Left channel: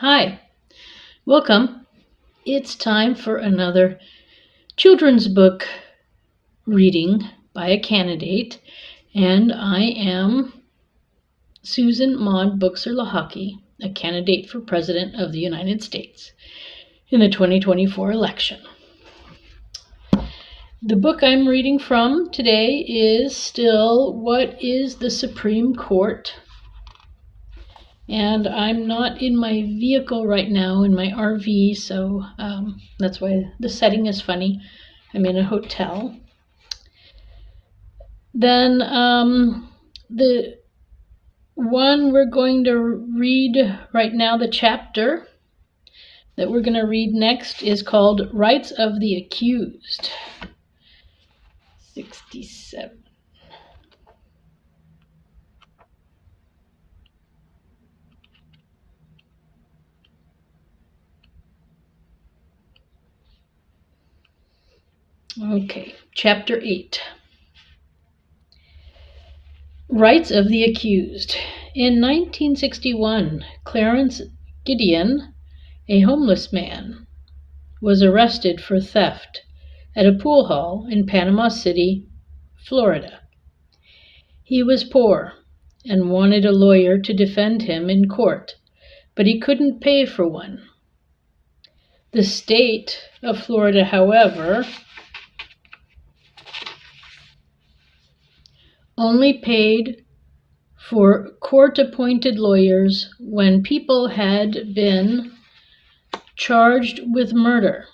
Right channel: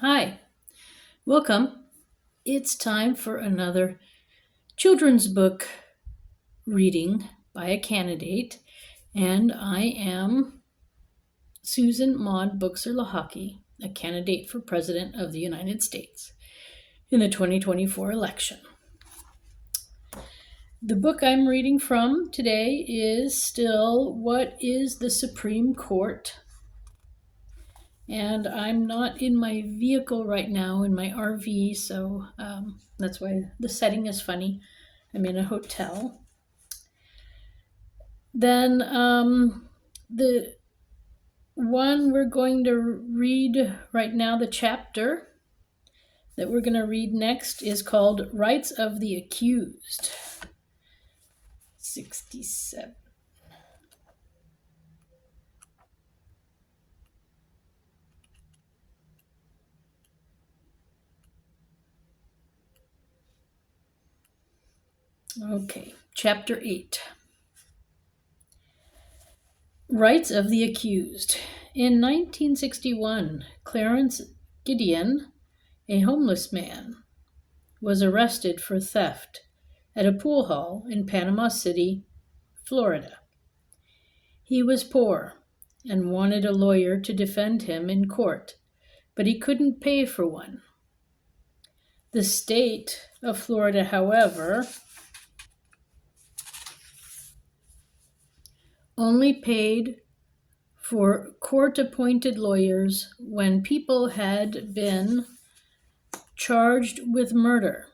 Hi, welcome. It's time for another children's book reading by a candidate, and I am Susan Maude Buchser-Lochocki, a candidate for President of the United States in the 2024 election. The book I'm reading from today is still What is the Supreme Court? And I'm not in my vehicle right now, in my RV, so that's why the setting is funny. I'm in a hotel. Then the one we're going to read right now, the chapter that we're going to read next is called Rights of the Accused. 67. Okay, Chapter 8. Rights of the Accused. In 1961, Clarence Gideon, a homeless man, was arrested for theft at a pool hall in Panama City, Florida. He was poor and wanted a lawyer to defend him in court, but he couldn't pay for one. The state of Florida, however, only paid for court-appointed lawyers when people had been charged with murder.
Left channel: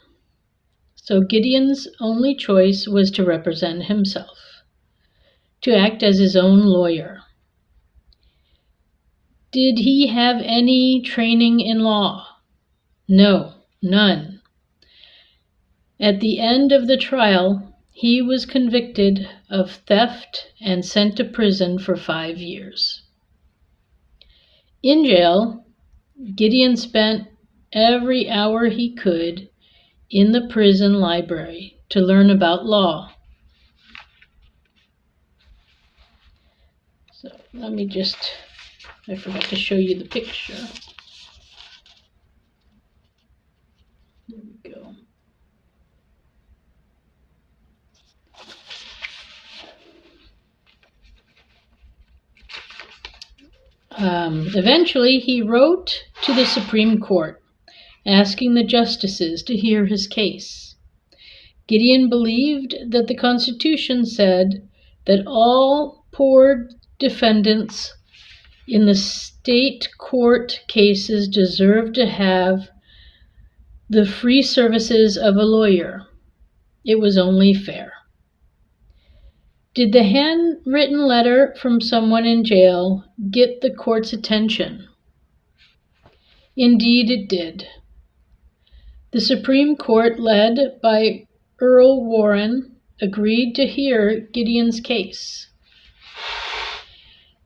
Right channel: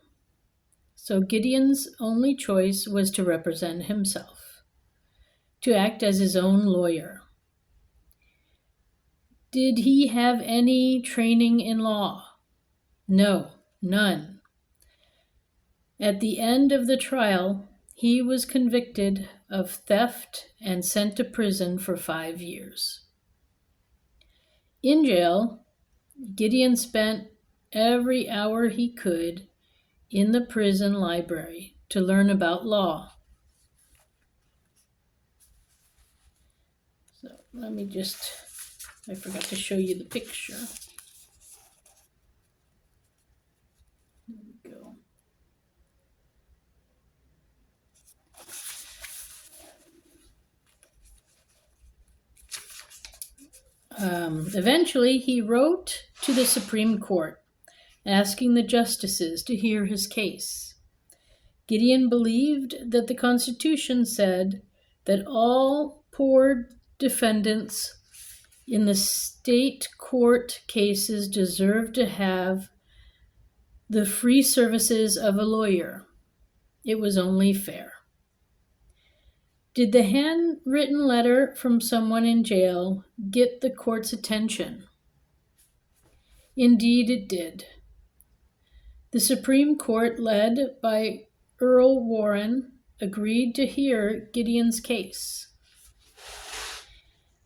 So Gideon's only choice was to represent himself, to act as his own lawyer. Did he have any training in law? No, none. At the end of the trial, he was convicted of theft and sent to prison for 5 years. In jail, Gideon spent every hour he could in the prison library to learn about law. So I forgot to show you the picture. There we go. Eventually, he wrote to the Supreme Court, asking the justices to hear his case. Gideon believed that the Constitution said that all poor defendants in the state court cases deserve to have the free services of a lawyer. It was only fair. Did the handwritten letter from someone in jail get the court's attention? Indeed it did. The Supreme Court, led by Earl Warren, agreed to hear Gideon's case.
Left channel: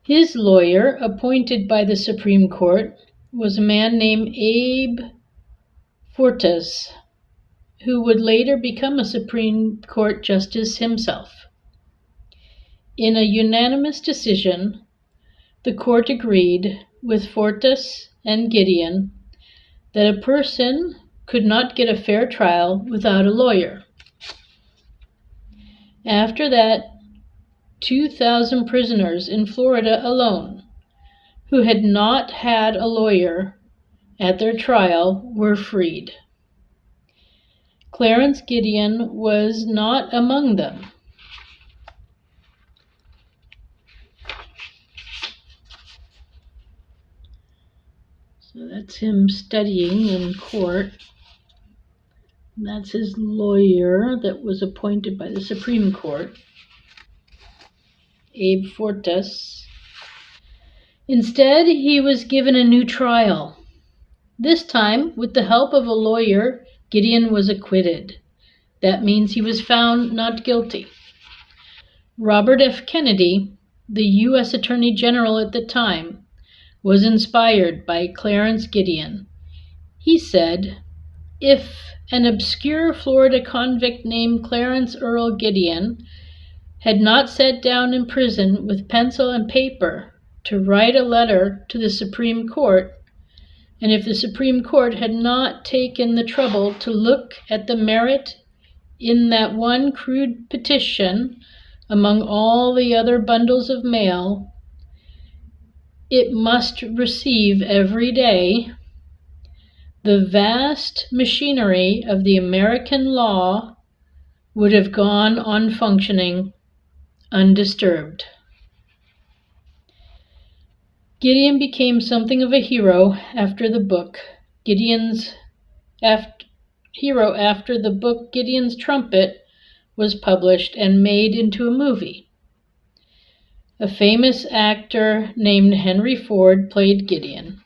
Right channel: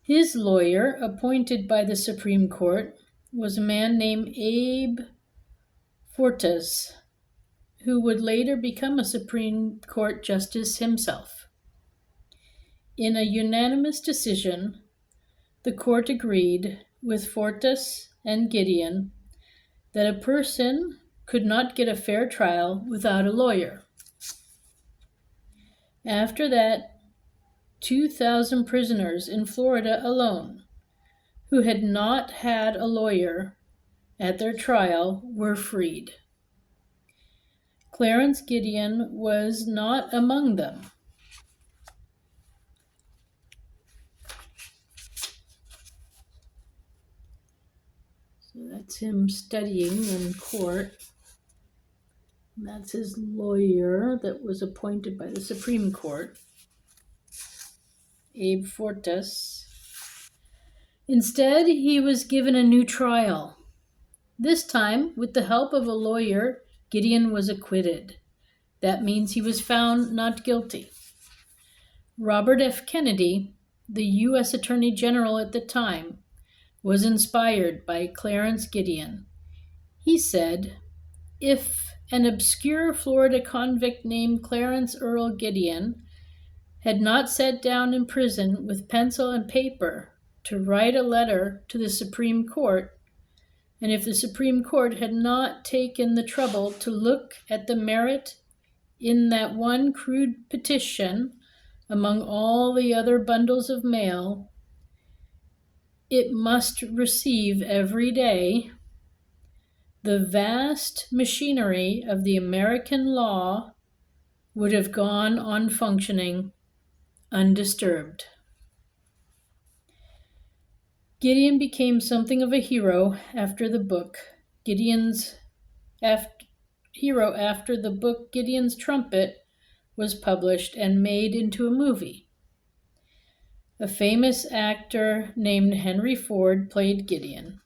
His lawyer, appointed by the Supreme Court, was a man named Abe Fortas, who would later become a Supreme Court justice himself. In a unanimous decision, the court agreed with Fortas and Gideon that a person could not get a fair trial without a lawyer. After that, 2,000 prisoners in Florida alone who had not had a lawyer at their trial were freed. Clarence Gideon was not among them. So that's him studying in court. And that's his lawyer that was appointed by the Supreme Court, Abe Fortas. Instead, he was given a new trial. This time, with the help of a lawyer, Gideon was acquitted. That means he was found not guilty. Robert F. Kennedy, the U.S. Attorney General at the time, was inspired by Clarence Gideon. He said, "If an obscure Florida convict named Clarence Earl Gideon had not sat down in prison with pencil and paper to write a letter to the Supreme Court, And if the Supreme Court had not taken the trouble to look at the merit in that one crude petition among all the other bundles of mail it must receive every day, the vast machinery of the American law would have gone on functioning undisturbed. Gideon became something of a hero after the book Gideon's Trumpet was published and made into a movie. A famous actor named Henry Ford played Gideon.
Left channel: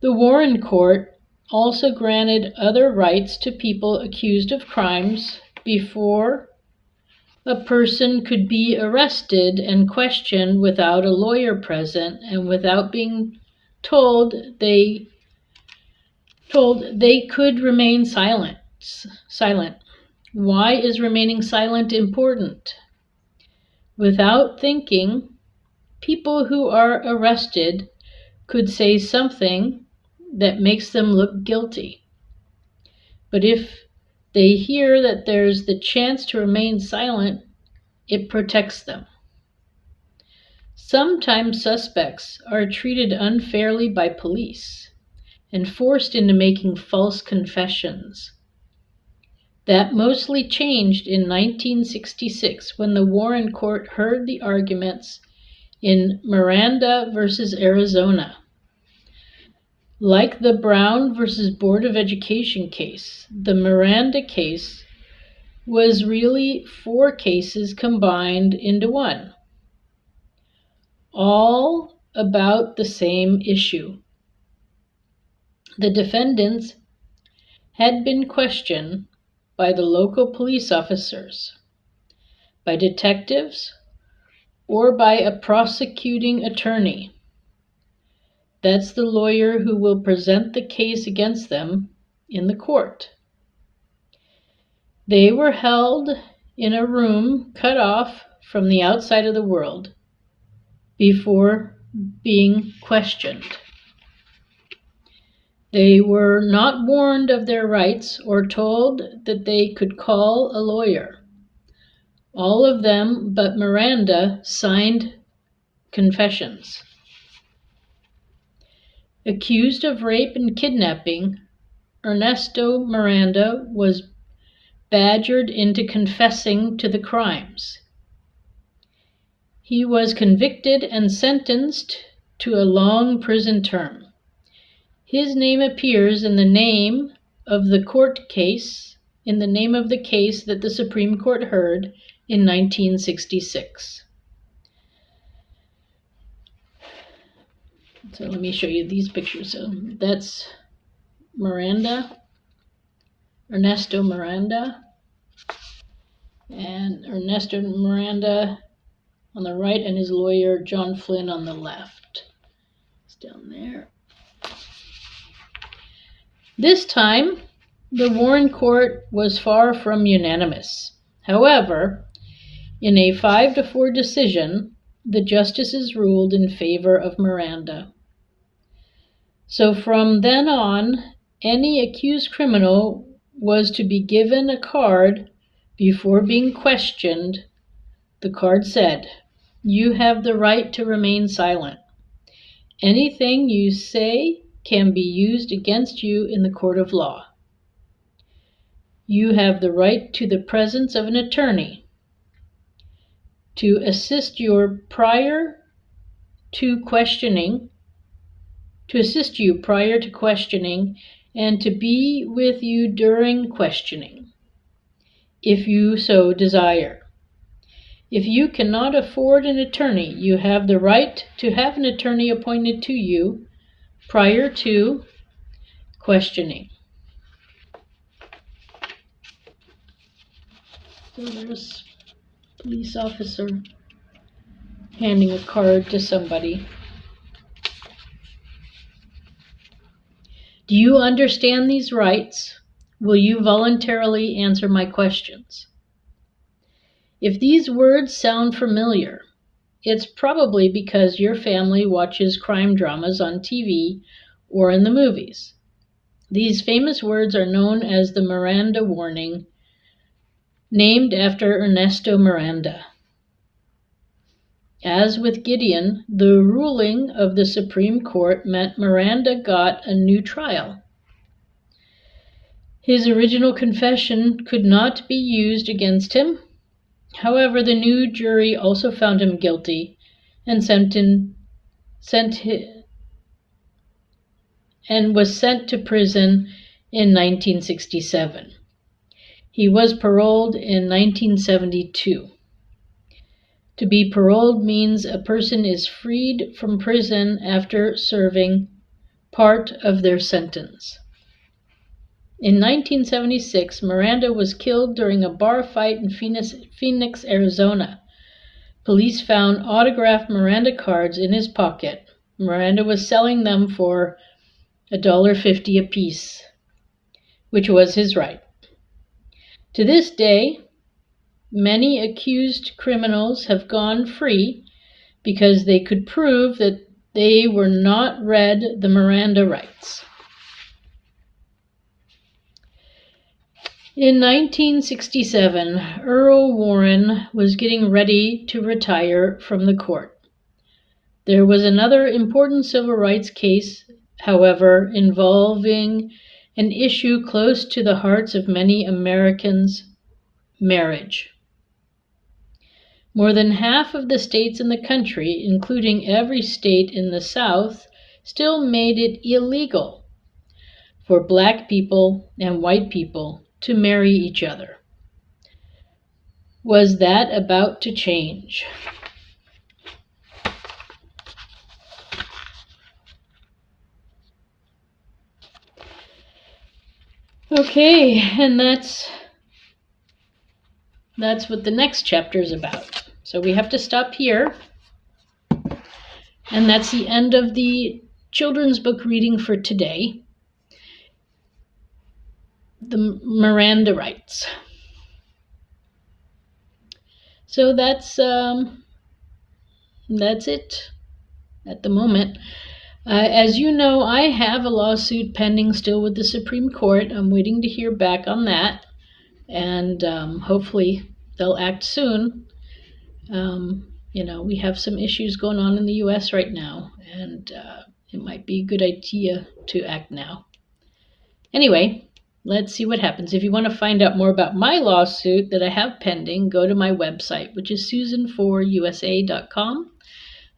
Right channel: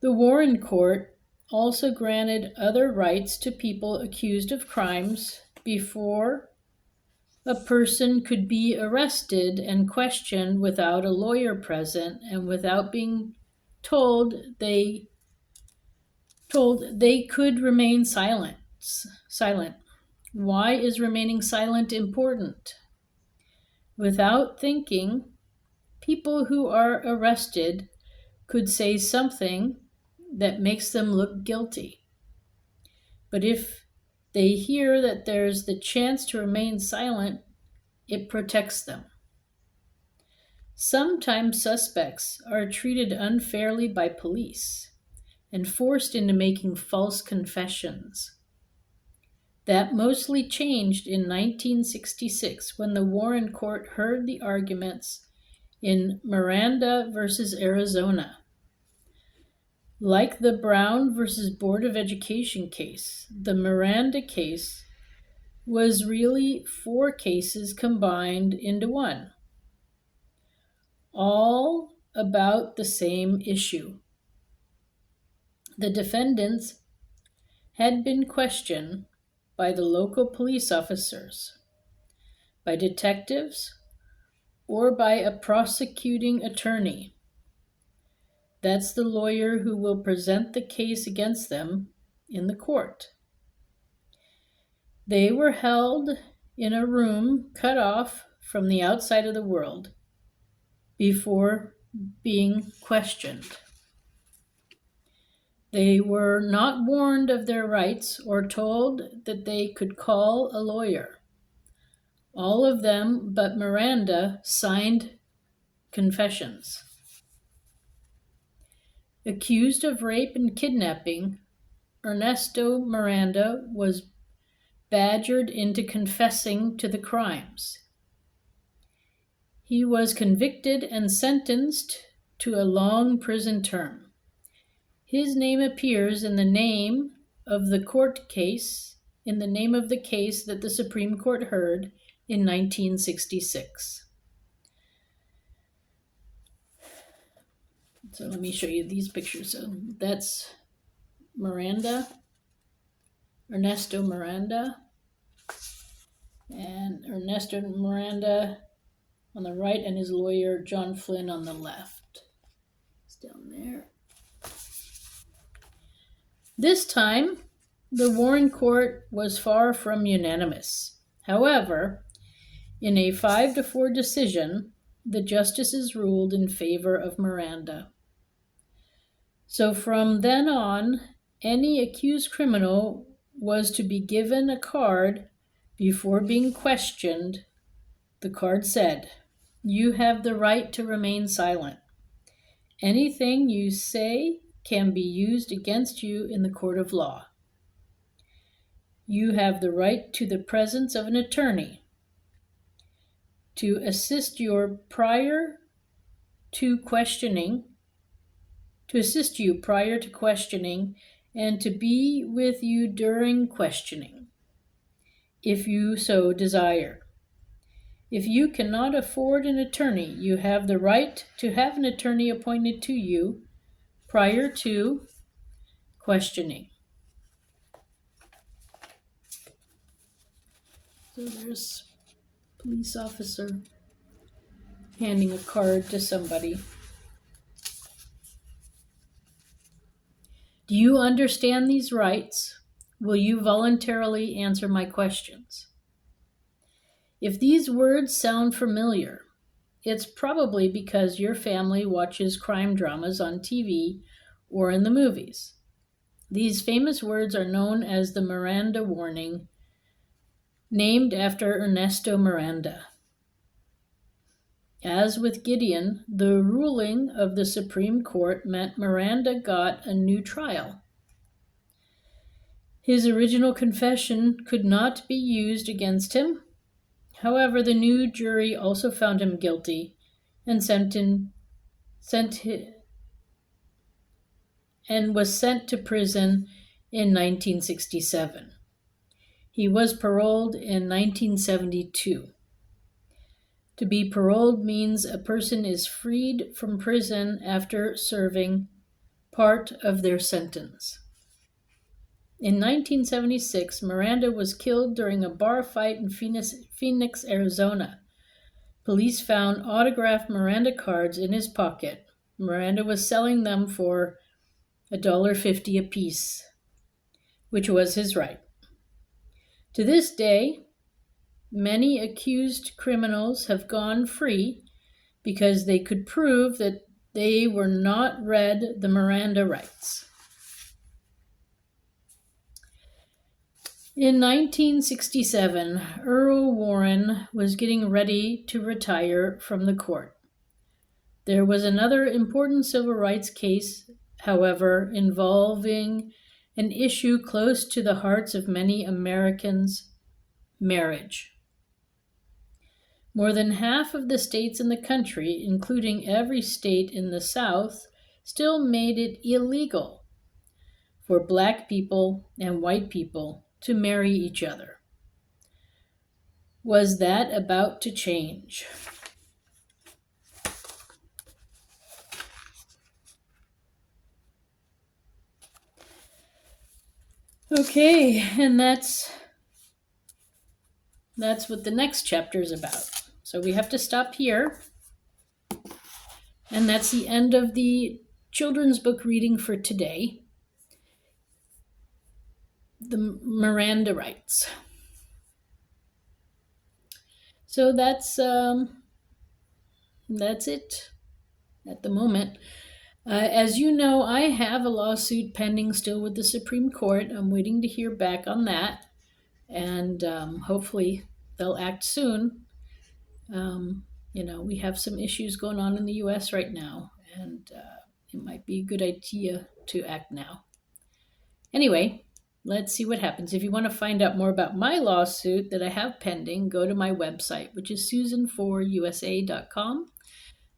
The Warren Court also granted other rights to people accused of crimes before a person could be arrested and questioned without a lawyer present and without being told they could remain silent. Why is remaining silent important? Without thinking, people who are arrested could say something that makes them look guilty. But if they hear that there's the chance to remain silent, it protects them. Sometimes suspects are treated unfairly by police and forced into making false confessions. That mostly changed in 1966 when the Warren Court heard the arguments in Miranda versus Arizona. Like the Brown versus Board of Education case, the Miranda case was really 4 cases combined into one, all about the same issue. The defendants had been questioned by the local police officers, by detectives, or by a prosecuting attorney. That's the lawyer who will present the case against them in the court. They were held in a room cut off from the outside of the world before being questioned. They were not warned of their rights or told that they could call a lawyer. All of them but Miranda signed confessions. Accused of rape and kidnapping, Ernesto Miranda was badgered into confessing to the crimes. He was convicted and sentenced to a long prison term. His name appears in the name of the court case, in the name of the case that the Supreme Court heard in 1966. So let me show you these pictures. So that's Miranda, Ernesto Miranda, and Ernesto Miranda on the right and his lawyer John Flynn on the left. It's down there. This time, the Warren Court was far from unanimous. However, in a 5-4 decision, the justices ruled in favor of Miranda. So from then on, any accused criminal was to be given a card before being questioned. The card said, "You have the right to remain silent. Anything you say can be used against you in the court of law. You have the right to the presence of an attorney to assist you prior to questioning, and to be with you during questioning, if you so desire. If you cannot afford an attorney, you have the right to have an attorney appointed to you prior to questioning." So there's a police officer handing a card to somebody. Do you understand these rights? Will you voluntarily answer my questions? If these words sound familiar, it's probably because your family watches crime dramas on TV or in the movies. These famous words are known as the Miranda warning, named after Ernesto Miranda. As with Gideon, the ruling of the Supreme Court meant Miranda got a new trial. His original confession could not be used against him. However, the new jury also found him guilty and was sent to prison in 1967. He was paroled in 1972. To be paroled means a person is freed from prison after serving part of their sentence. In 1976, Miranda was killed during a bar fight in Phoenix, Arizona. Police found autographed Miranda cards in his pocket. Miranda was selling them for $1.50 apiece, which was his right. To this day, many accused criminals have gone free because they could prove that they were not read the Miranda rights. In 1967, Earl Warren was getting ready to retire from the court. There was another important civil rights case, however, involving an issue close to the hearts of many Americans: marriage. More than half of the states in the country, including every state in the South, still made it illegal for Black people and white people to marry each other. Was that about to change? Okay, and that's what the next chapter is about. So we have to stop here. And that's the end of the children's book reading for today. The Miranda rights. So that's it at the moment. As you know, I have a lawsuit pending still with the Supreme Court. I'm waiting to hear back on that, and hopefully they'll act soon. We have some issues going on in the U.S. right now, and it might be a good idea to act now. Anyway, let's see what happens. If you want to find out more about my lawsuit that I have pending, go to my website, which is susan4usa.com.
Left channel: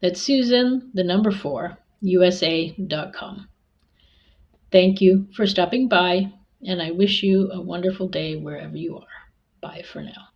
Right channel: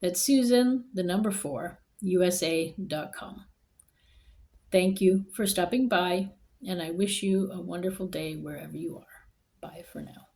That's Susan, the number 4, USA.com. Thank you for stopping by, and I wish you a wonderful day wherever you are. Bye for now.